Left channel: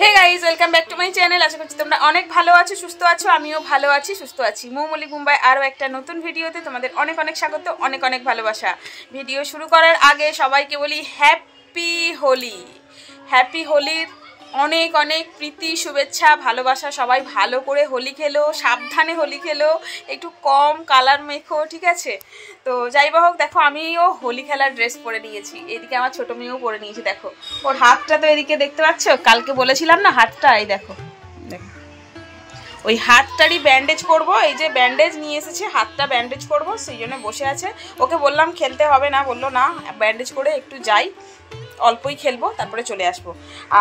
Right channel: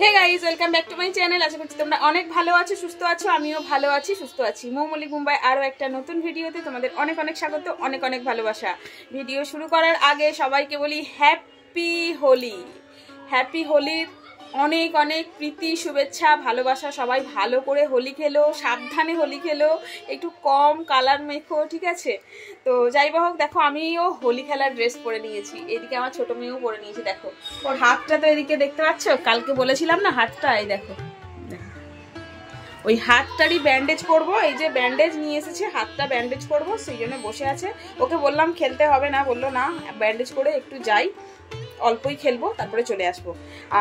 Hey guys welcome back to my channel. আশা করছি তোমরা অনেক ভালো আছো, সুস্থ আছো। আমিও ভালো আছি, সুস্থ আছি। মৌমলি মুম্বাই আরও একটা নতুন ভিডিওতে তোমাদের অনেক অনেক স্বাগত, অনেক অনেক ভালোবাসা। ভিডিও শুরু করার আগে সবাইকে বলি হ্যাপি হোলি। হ্যাপি হোলির অনেক অনেক প্রীতি, শুভেচ্ছা, ভালোবাসা। সবাই ভালো করে হোলি খেলো, সাবধানে হোলি খেলো, একটু কম কালার মেখো, ঠিক আছে? তো যাই হোক, দেখো আমিও হোলি খেলার ড্রেস পরে নিয়েছি। এদিকে আমার ছোটো মেয়েও পরে নিয়েছি। দেখো ওর হাতটা তো এদিকে দেখতে পাচ্ছ, কালকে বলেছিলাম না হাতটা, এই দেখো ওই হাতটারই ব্যান্ডেজ করবো। এই যে ব্যান্ডেজ নিয়ে এসেছে, হাতটা ব্যান্ডেজ করবো, সেই জন্য বসে আছে। ওকে বললাম খেলতে হবে না, বললো না ব্যান্ডেজ করে একটু যাই, অল্পই খেলবো, তারপরে চলে আসবো।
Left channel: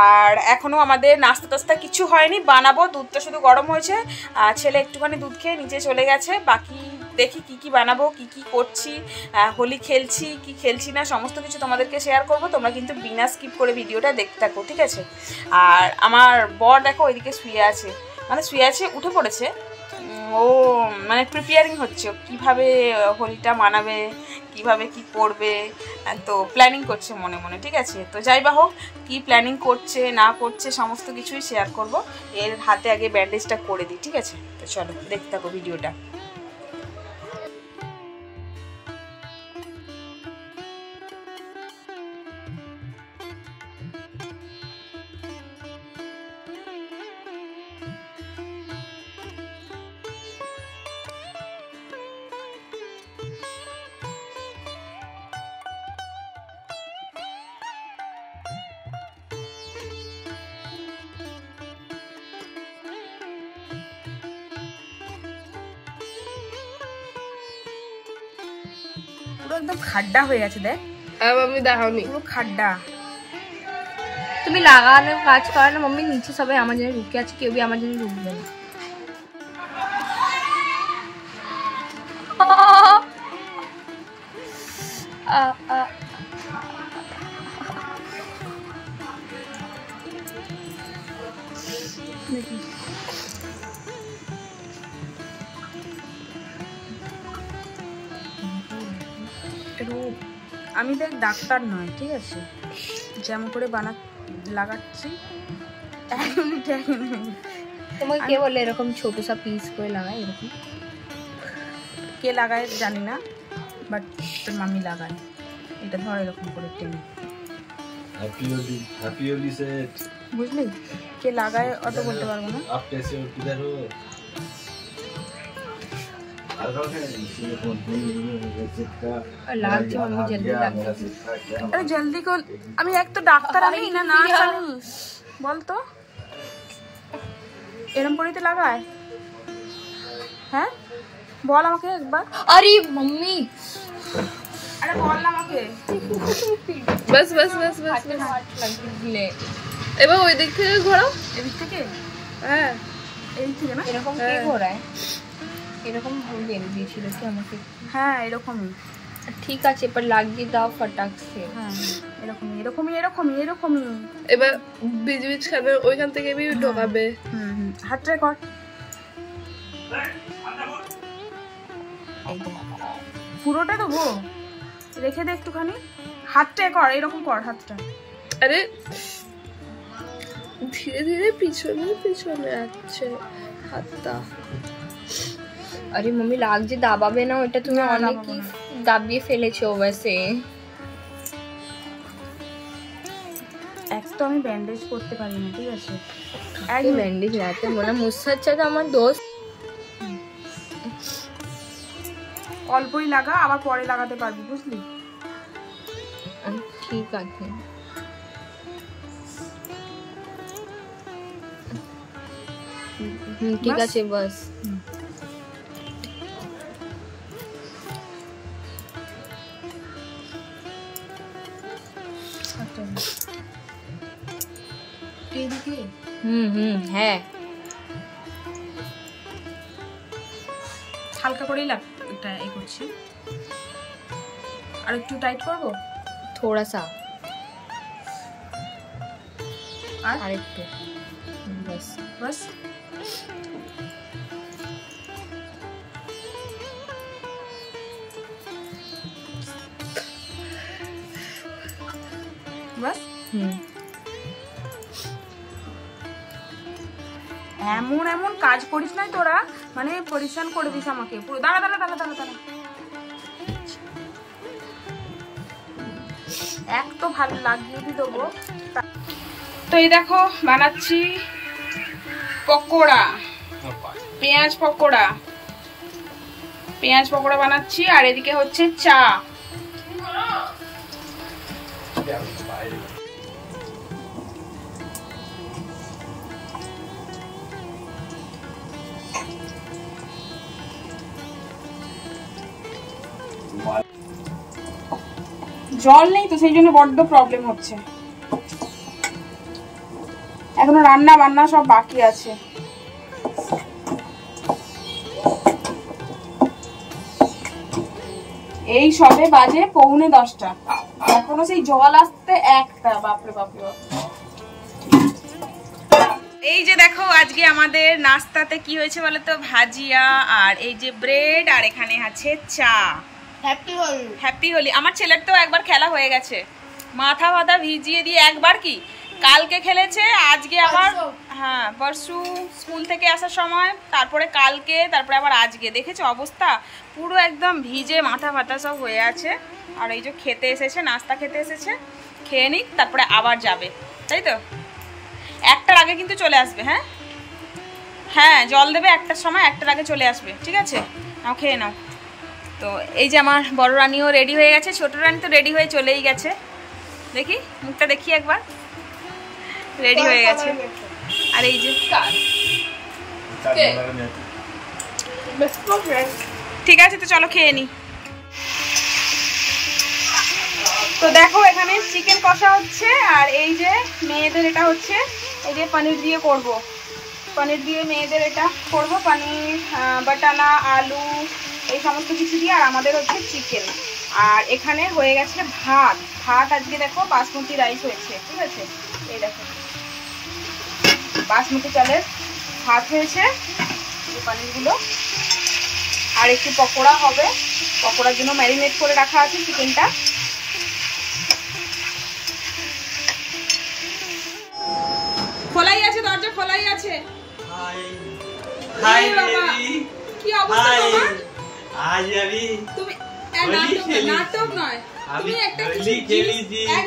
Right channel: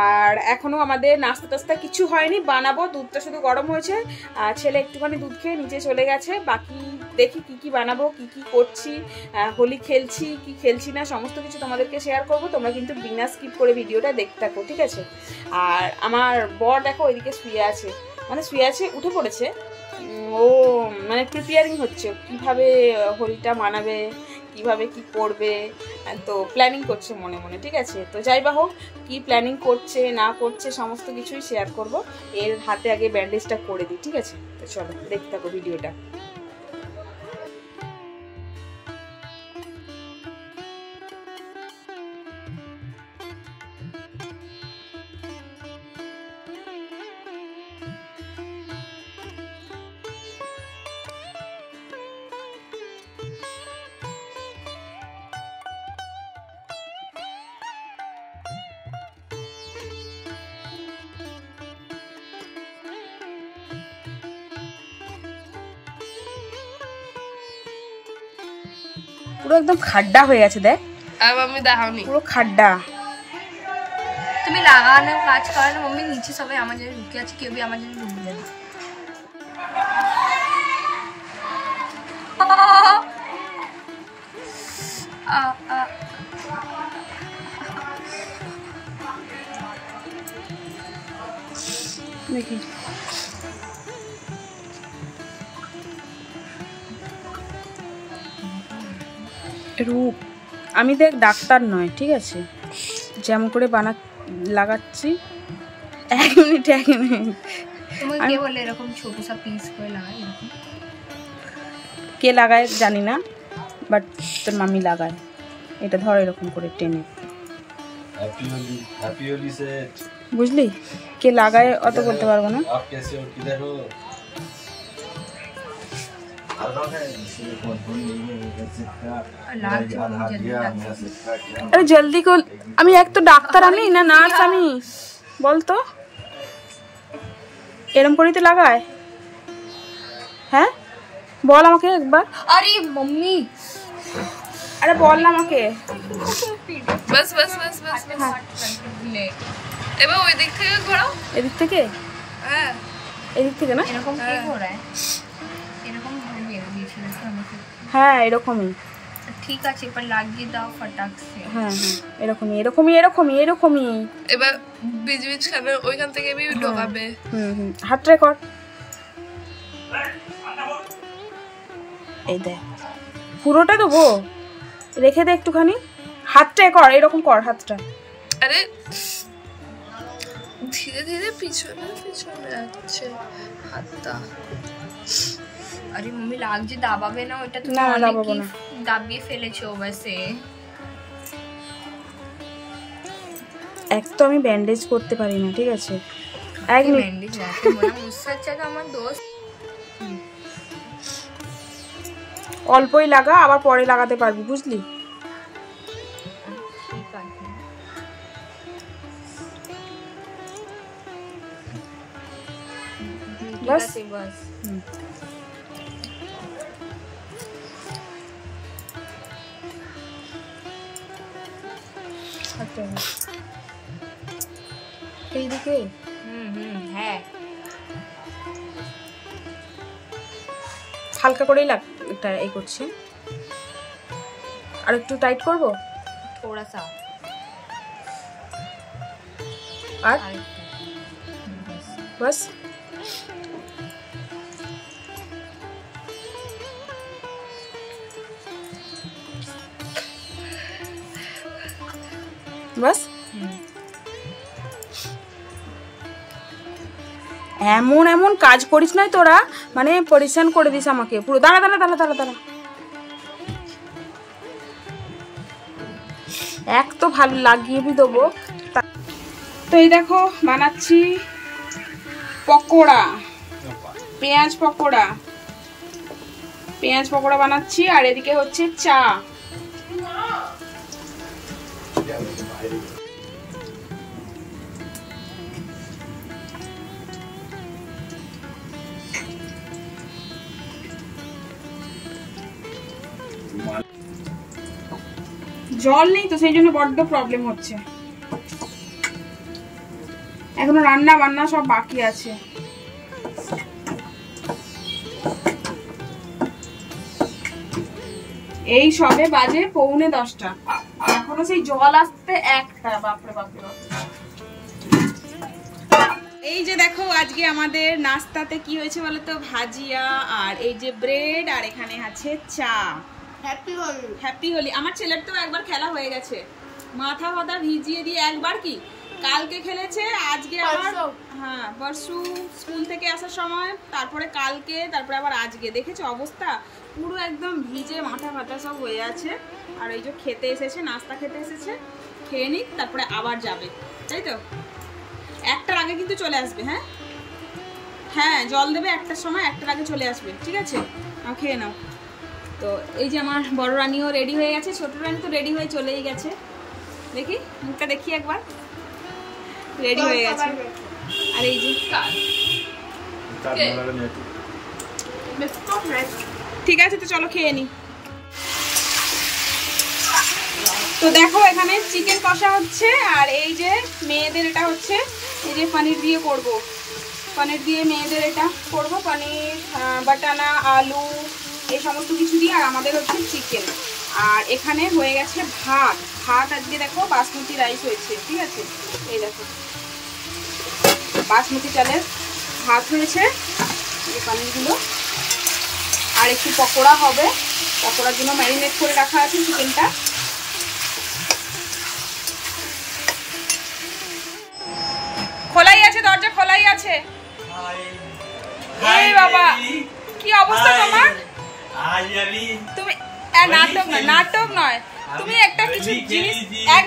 আর এখনও আমাদের নাস্তা টাস্তা কিছু হয়নি, বানাবো। দুধটা শুধু গরম হয়েছে, ছেলে একটুখানি দুধ খেয়ে নিচে চলে গেছে। বাকি দেখি কি কি বানাবো, কি কি করছি, হোলি খেলছি কি খেলছি না, সমস্ত কিছু তোমাদেরকে শেয়ার করব। তোমরা কিন্তু বিনা স্কিপ করে ভিডিওটা দেখতে থাকো, ঠিক আছে? আর আমার বর দেখো ওইদিকে শুয়ে আছে, মানে শুয়ে আছে, উঠে পড়েছে। ও মানে প্রিপেয়ারিং হচ্ছে কিভাবে হোলিটা মানাবে, কিভাবে কি করবে, তো প্ল্যানিং করছে মনে মনে, ঠিক আছে? তো যাই বা হোক, কী প্ল্যানিং করছে না করছে সমস্ত কিছুই শেয়ার করব। এর হাতে আগে ব্যান্ডেজটা করে দিই, ঠিক আছে? তো চলো দেখতে থাকো ভিডিওটা। পুরো একদম খাড্ডা হয়ে গেছে, দেখ। আর আমি দেখাওনি, পুরো খাড্ডা। তুমি লাগানোর কাজ করো না মম্মি, নিচে সবাই আমার জন্য ঢুকে আছে, কেউ আমার জন্য ঢুকবে না। দেখি রূপ, আমি দেখ ডাক্তার নয়, ঠিক আছে? যেমন করে লাগাচ্ছি। এক মিনিট। তোমাকে কে বলে এরকম ছোট সা পিস করে লাগায়? এরকম কে লাগায় জানি না, বাট তোর মামি লাগায়। এটা ধর এরকম করে টেনে, বুঝলি? কে লাগায় অত বলতে পারবো না। আরে জলদি কর, আমি এক তো ডাক্তার, আমি না নার্স, আমি বলতো এরম করেই তো লাগায়। হ্যাঁ বল আমাকে একবার। আরে মাম্মি, আরে বল না আমাকে। বাস বাস বাস বাস বাস। এবার ওই দিক থেকে ঘোরাও। এদিক থেকে? হ্যাঁ এদিক থেকে না, এরকম কে ঘোরায়? এরকম হবে দিয়েছিল তো আমাকে। হ্যাঁ এরকমই, ঠিক আছে, এবার লাগিয়ে দাও ফটাকসে। হ্যাঁ এরকমই এরকমই এরকমই এরকমই। এবার বীজ বীজ খাবে, ওইখান থেকে ঢোকাবে। হাতটা কর, এই দেখ পুরোটা দেবো, রেখে দে একটুখানি। হাতটা কর, এরকম কর হাতটা। আরে ধীরে ধীরে পিছনে পিছনে আসছে হাতটা। আরে মম্মি লাগছে, দাবাবে না ওটা, তুমি অনেক দাবিয়ে ফেলেছো। ওইসে এক তো আমি ব্যান্ডেজ করতে পারি না, ঠিক আছে? এক ব্যান্ডেজ লাগাতে মনে মুসার চাইতে আমার দোষ। অল্পই লাগা, আবার পরে লাগাতে পারবি, বুঝলি? ঠিক আছে, ঠিক আছে বাস। এইদিকে হ্যাঁ হালকা করেই এটা এই করছি। আর একটু টাইট করবো, থোড়া সা, আর একটু বাস বাস। বাস এমন এমন কাজ করিস নয় তোরা, মানে পরিশ্রম করে দিস আমাকে পুরো। দাঁড়া দাঁড়া দাঁড়া দাঁড়া দাঁড়া, এক তো ভালো লাগিয়ে দেবো। তো এই দেখো বানাচ্ছি পকোড়া, পেঁয়াজ পকোড়া, পেঁয়াজ পকোড়া বানাচ্ছি। আর এদিকে হচ্ছে চা। জল নেই তো সেই জন্য বড্ড প্রবলেম হচ্ছে। এখনো রান্না বান্না সব বাকি আছে। এই সবে বাজে 9:45, এখনো সেই জল আসতে 1টা। বাপরে বাপরে। এই যে দেখো আজকে আমাদের নাস্তাতে কি হয়েছে বলো তো, ভাজিয়া আর এই যে ব্রেড, আর এখানে আছে চা। হ্যাপি হোলি। আমার ছেলের তো একবার খেলা হয়ে গেছে, মাথা ফাথা ভিজিয়ে দিয়ে একবার কি কালকে খেলেছে, আজকে আবার হ্যাঁ পরশু স্কুল থেকে আসার সময়, তারপরে কালকে, তারপরে আবার আজকে। দেখেছো অবস্থা পুরো একদম ভিজে মাথা ফাথা সব হয়ে আছে। আর এই যে খেতে এসেছে, নাস্তা খেতে এসেছে, খেয়ে নিক তারপরে আবার যাবে, তাই তো? 1টার আগে কিন্তু চলে আসবে। হ্যাঁ হ্যাঁ জল দেবে 1টার সময়, 1টার আগে চলে আসবে, ঠিক আছে? নাও খেয়ে নাও। তো এই যে আমার বড় রানীও রেডি হয়ে গেছে, ছোট রানী তো রেডি হয়ে চলেই গেছে। দেখি মুখটা দেখি একবার, রেডি হয়ে গেছে। আর এই যে ঠিক আছে, তো চলো খেয়ে নি। তো দেখো এখানে চিকেন কষা হচ্ছে, আর এই যে মেয়েদের এটা হচ্ছে এই যে পনির দিয়ে করব, পনির দিয়ে মেয়েদের এটা করব, পনির বাটানা আলু এই সমস্ত কিছু দিয়ে। আর আমাদের হচ্ছে চিকেন। আর এখানে হয়ে গেছে ভাত। ভাত আজকে দেখো বাসমতি রাইস হয়েছে, ঠিক আছে? এই দেখো বাসমতি চালের ভাত হয়েছে, এই পনিরগুলো। আর একটু পকোড়া হবে, পকোড়ার জন্য ম্যারিনেট করে রাখা আছে চিকেনটা। খোলাই আছে, দরজা খোলাই আছে। এই বাবা কি অবস্থা তোমার? তুমি নাটক নয়, তুমি একটা কিছু জিনিস, এক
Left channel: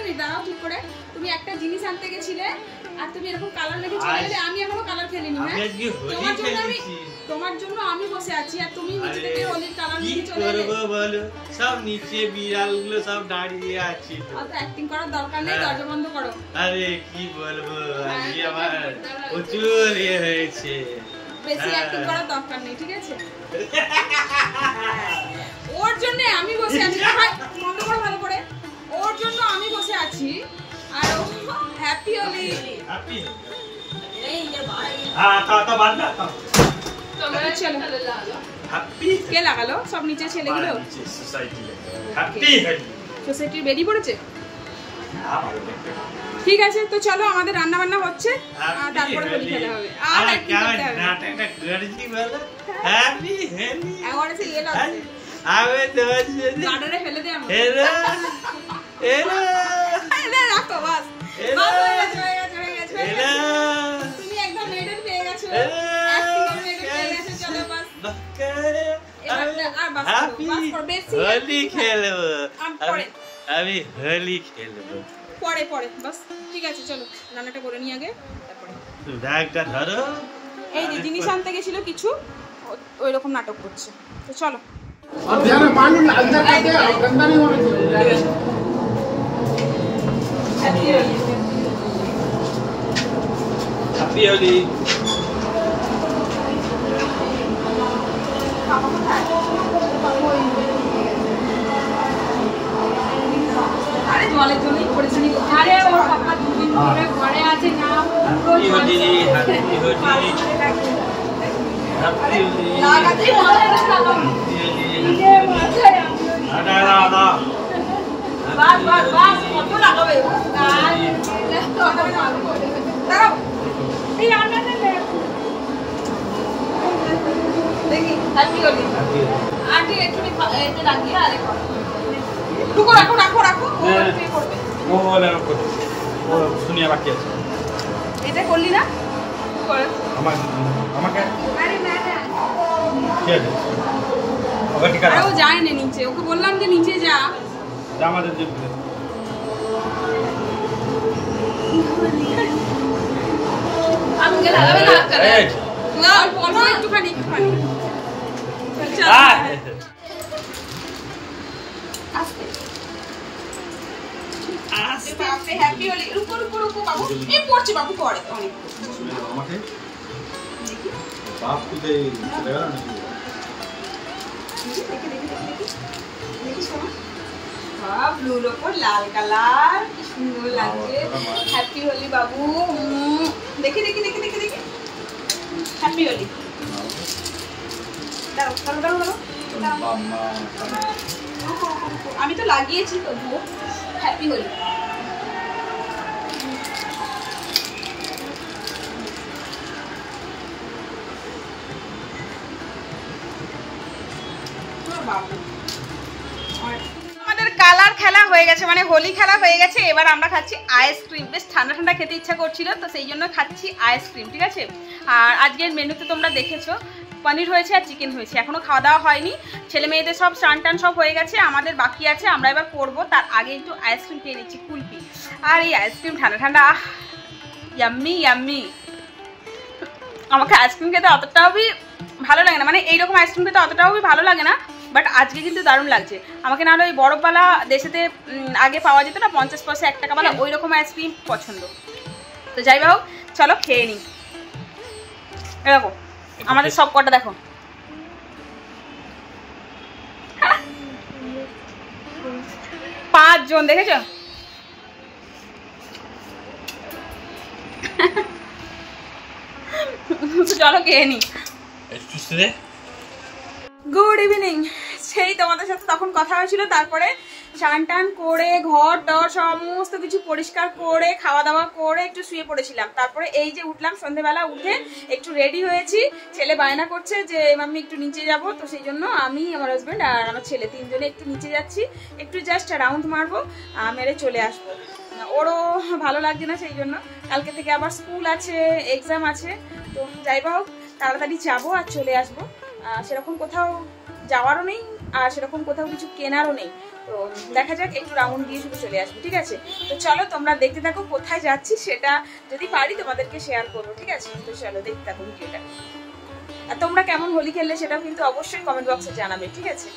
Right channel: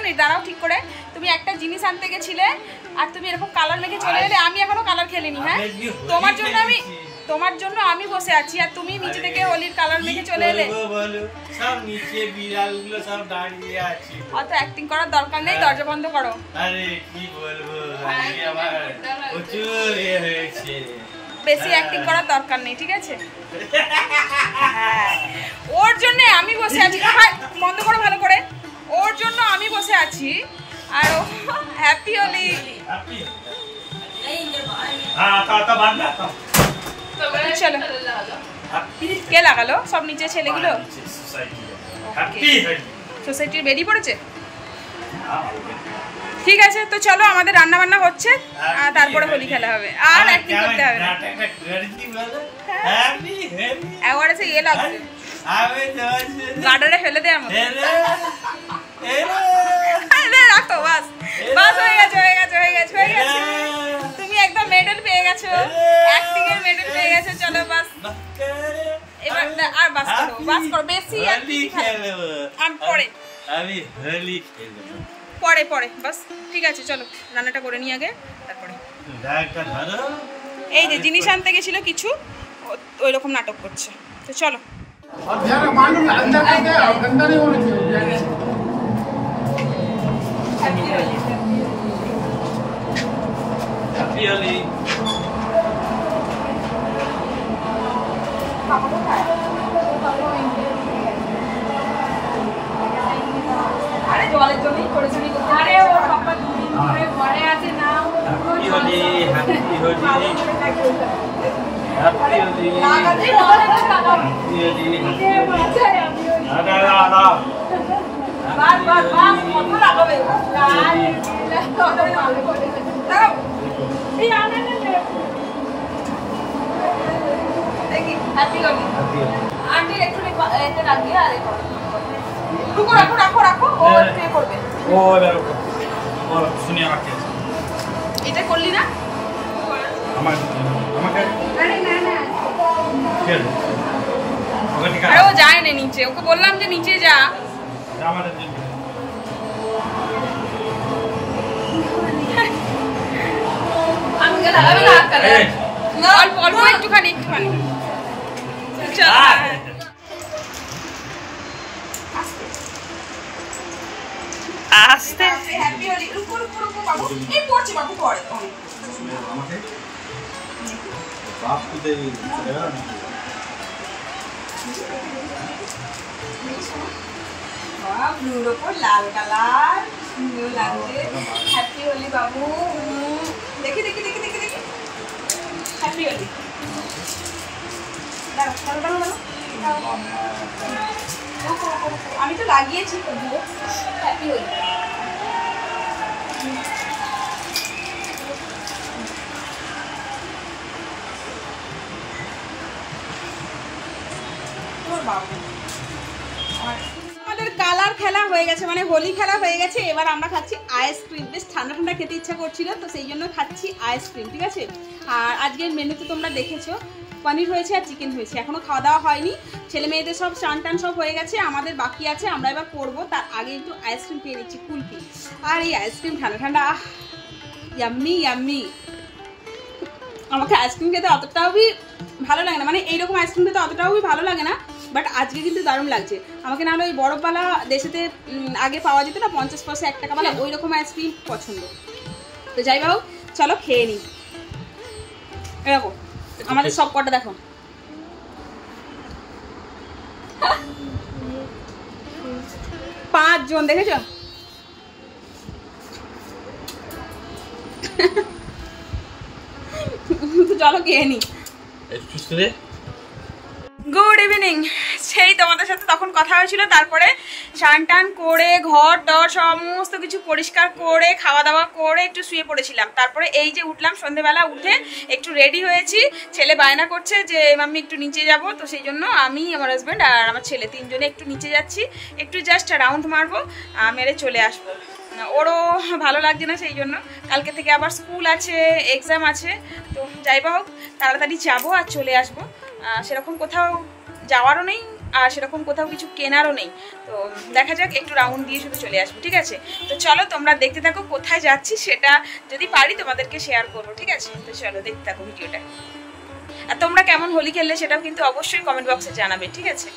মিনিট দাঁড়াও ঠিক করে। তুমি একটা জিনিস আনতে গেছিলে আর তুমি এরকম কালার মেখে চলে গেলে। আমি এখনো কালার খেলিনি। হ্যাঁ তোমার জন্য আমি বসে আছি, আর তুমি নিচে থেকে হোলির কালার মেখে চলে এলে। সব নিচে বিড়ালগুলো সব দাঁড়িয়ে আছে। অত অ্যাক্টিং করার দরকার নেই, দরজা বন্ধ করো। আরে কি বলবো, আজকে আমার প্রচুর হয়েছে। বেশি অ্যাক্টিং করার দরকার নেই, ঠিক আছে? হ্যাঁ ওর জন্য আমি বসে আছি। বন্ধ করো ভালো করে। ওর জন্য আমি বসে আছি, আর ও হ্যাপি হোলি। চলো কে লাগালো সব নিচে ছেলেগুলো? সোসাইটির বেরিয়ে পড়েছে। ঠিক আছে, তো চলো আমাদের রান্না বান্না হচ্ছে, আর তারপরে হোলি খেলা হবে। আর অ্যাক্টিং করতে হবে না। একবার এসে ইয়ে লাগছে, গার্ডারে ফেলে দে আমাকে। রাখো, বাস বাস, হয়ে গেছে। তুমি একদম মেডেল পেয়ে গেছো, অ্যাক্টিং এর মেডেল পেয়ে গেছো। চলো বাস, এবার আর বাস করো বেশি। আমি হোলি খেলবো পরে বাস। ঠিক আছে চলো রান্নাটা করে নিয়ে আগে, তারপরে ব্যাগটা ধরো। এই যে জিনিস আনতে গেছিল কিছু, ওই রকম নাটক করছে। তো চলো। হ্যাপি হোলি। জলের জন্যই করেছি। আরে ওর পাপা দুদিন ধরে ঘরে আছে না, হ্যাপি হোলি। দেখি হ্যাপি হোলি। আন্টি একটু এতে রাখিয়ে আর রাখো। ও পে করবে। ও শুনিয়া বাকি আছে। এটা করলি না? আরে ও যায় না নিচে, ওকে বললাম যে নিচে যা। অল্প অল্প একটুখানি একটুখানি। আস্তে আস্তে হ্যাপি হোলি। রুকো রুকো রুকো বাবু, এই পড়ছে বাবু, পড়ে অনেক বাপ তো দে ব্লুর ওপর লাল কালার, কি সুন্দর লাগছে। হ্যাপি হোলি বাবু। দেখি দেখি দেখি দেখি দেখি হ্যাপি হোলি। আমি তো লাগিয়েছি তবুও। হ্যাপি হোলি। আমাদের কালার খেলা হয়ে গেছে, মানে হোলি খেলা হয়ে গেছে। এবার আমরা খাচ্ছি আইসক্রিম। বেশ ঠান্ডা ঠান্ডা খেতে ইচ্ছা করছিল, তো সেই জন্য খাচ্ছি আইসক্রিম, ঠিক আছে। আর আজকের মেনুতে তোমরা দেখেছো পনির হয়েছে আর চিকেন হয়েছে। এখনো খাওয়া দাওয়া হয়নি, ছেলে মেয়েদের সব স্নান টান সব হয়ে গেছে, আমাদের বাকি আছে। আমরা এবার করবো, তার আগে একটু আইসক্রিম খেয়ে নিচ্ছি, কুলফি। আর এই আইসক্রিম ঠান্ডা ঠান্ডা, ইয়াম্মি ইয়াম্মি। আমাকে আইসক্রিম খেতে অতটাও ভালো লাগে না, মানে এইরকম আইসক্রিম খেতে অতটাও ভালো লাগে না, বাট আজকে কিন্তু দারুণ লাগছে আমাকে। না হলে ওই বরফওয়ালা দেশেতে আগে পাওয়া যেত না 50 পয়সা 1 টাকাওয়ালা, ওই রকম আইসক্রিম পছন্দ। তো যাই হোক, চলো খেয়ে নিই। এরকম আমাদের সব কটা দেখো, পাঁচজন, দেখেছো? চলো খেয়ে নি। Good evening. সেই তোমাদের সাথে তখন কথা হয়েছিল, তারপরে স্নান টান করে ঘর টর সমস্ত কিছু পরিষ্কার করে খাওয়া দাওয়া করে একটু শুয়ে পড়েছিলাম। তারপরে এই যে উঠলাম সন্ধ্যেবেলা, উঠে একটু রেডি হয়েছি। ছেলে বায়না করছে যে মাম্মি একটু নিচে যাব, তো সেই জন্য আমি, আমার হাজব্যান্ড আর আমার ছেলে তিনজনে একটু নিচে যাচ্ছি, একটু জাস্ট রাউন্ড মারবো, মেরে চলে আসবো। ওরও ভালো লাগছে না, সেই জন্য কালকে থেকে আবার স্কুল আছে, এক্সাম আছে। তো যাই বা হোক, তাড়াতাড়ি যাবো আর চলে আসবো। সেরকম কোথাও যাওয়ারও নেই, আর সেরকম কোথাও কিছু কেনারও নেই। তো দেখা যাক, একটু রাউন্ড দিয়ে শুধু চলে আসবো, ঠিক আছে? তো চলো তোমরা দেখতে থাকো, কোথায় যাচ্ছি সেটা যদি পারি তোমাদেরকে শেয়ার করবো, ঠিক আছে? তো চলো দেখতে থাকো ভিডিওটা। আর তোমরা কেমন হোলি খেললে সেটাও কিন্তু অবশ্যই কমেন্ট বক্সে জানাবে, ঠিক আছে?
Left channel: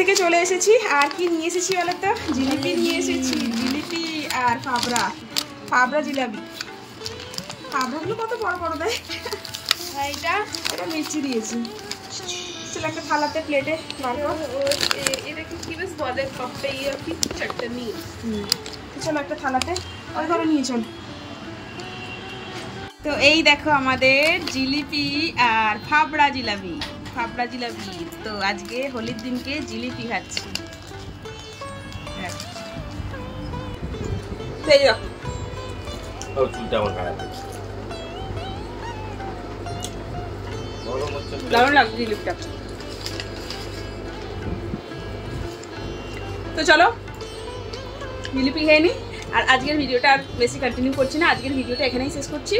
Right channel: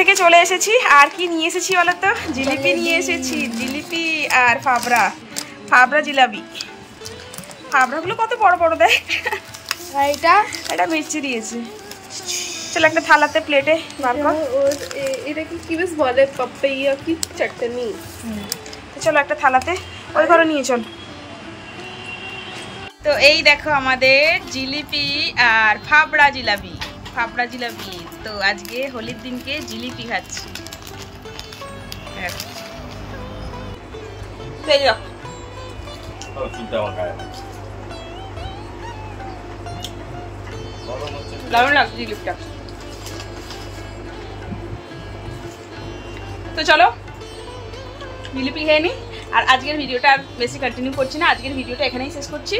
থেকে চলে এসেছি, আর কি নিয়ে এসেছি বলো তো? জিলিপি নিয়ে এসেছি, জিলিপি আর ফাবড়া জিলাপি। ফাবড়াগুলো কত বড় বড় দেখ। এটা মিষ্টি দিয়েছি। চলো একটা থালাতে প্লেটে বার কর। এটাকে কি বেশ বলে, পাপাইয়া কি চাটনি। তো চলো একটা থালাতে ওই ঘরে নিয়ে চল। তো এই দেখো আমাদের জিলিপি আর ফাবড়া জিলাপি। তো আজকে হোলির দিনকে জিলিপি খাচ্ছি। দারুণ লাগছে জিলিপিটা। তো চলো জিলিপি খেয়ে নি। আর আজকের ভিডিওটা আর বেশি কন্টিনিউ করছি না, আজকের ভিডিওটা এখানেই শেষ করছি।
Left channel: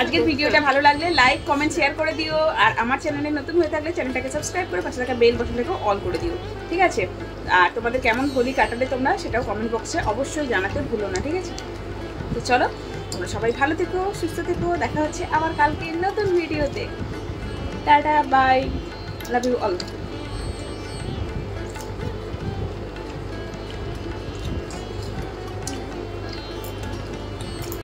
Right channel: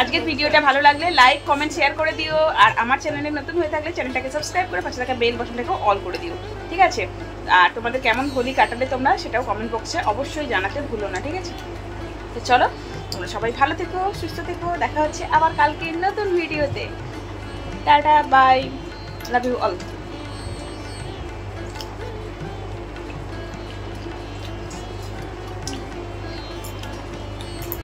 আজকের ভিডিওটা ভালো লাগলে লাইক কমেন্ট শেয়ার করে দিও, আর আমার চ্যানেলে নতুন হয়ে থাকলে চ্যানেলটাকে সাবস্ক্রাইব করে পাশে থাকা বেল বাটনটাকেও অল করে দিও, ঠিক আছে? আর তোমাদের কেমন হোলি কাটালে তোমরা সেটাও কমেন্ট বক্সে অবশ্যই জানাতে ভুলো না, ঠিক আছে? তো চলো, তোমরা সবাই ভালো থেকো, সুস্থ থেকো, দেখা হচ্ছে আবার কালকে নতুন ভিডিওতে। Tata, bye, love you all.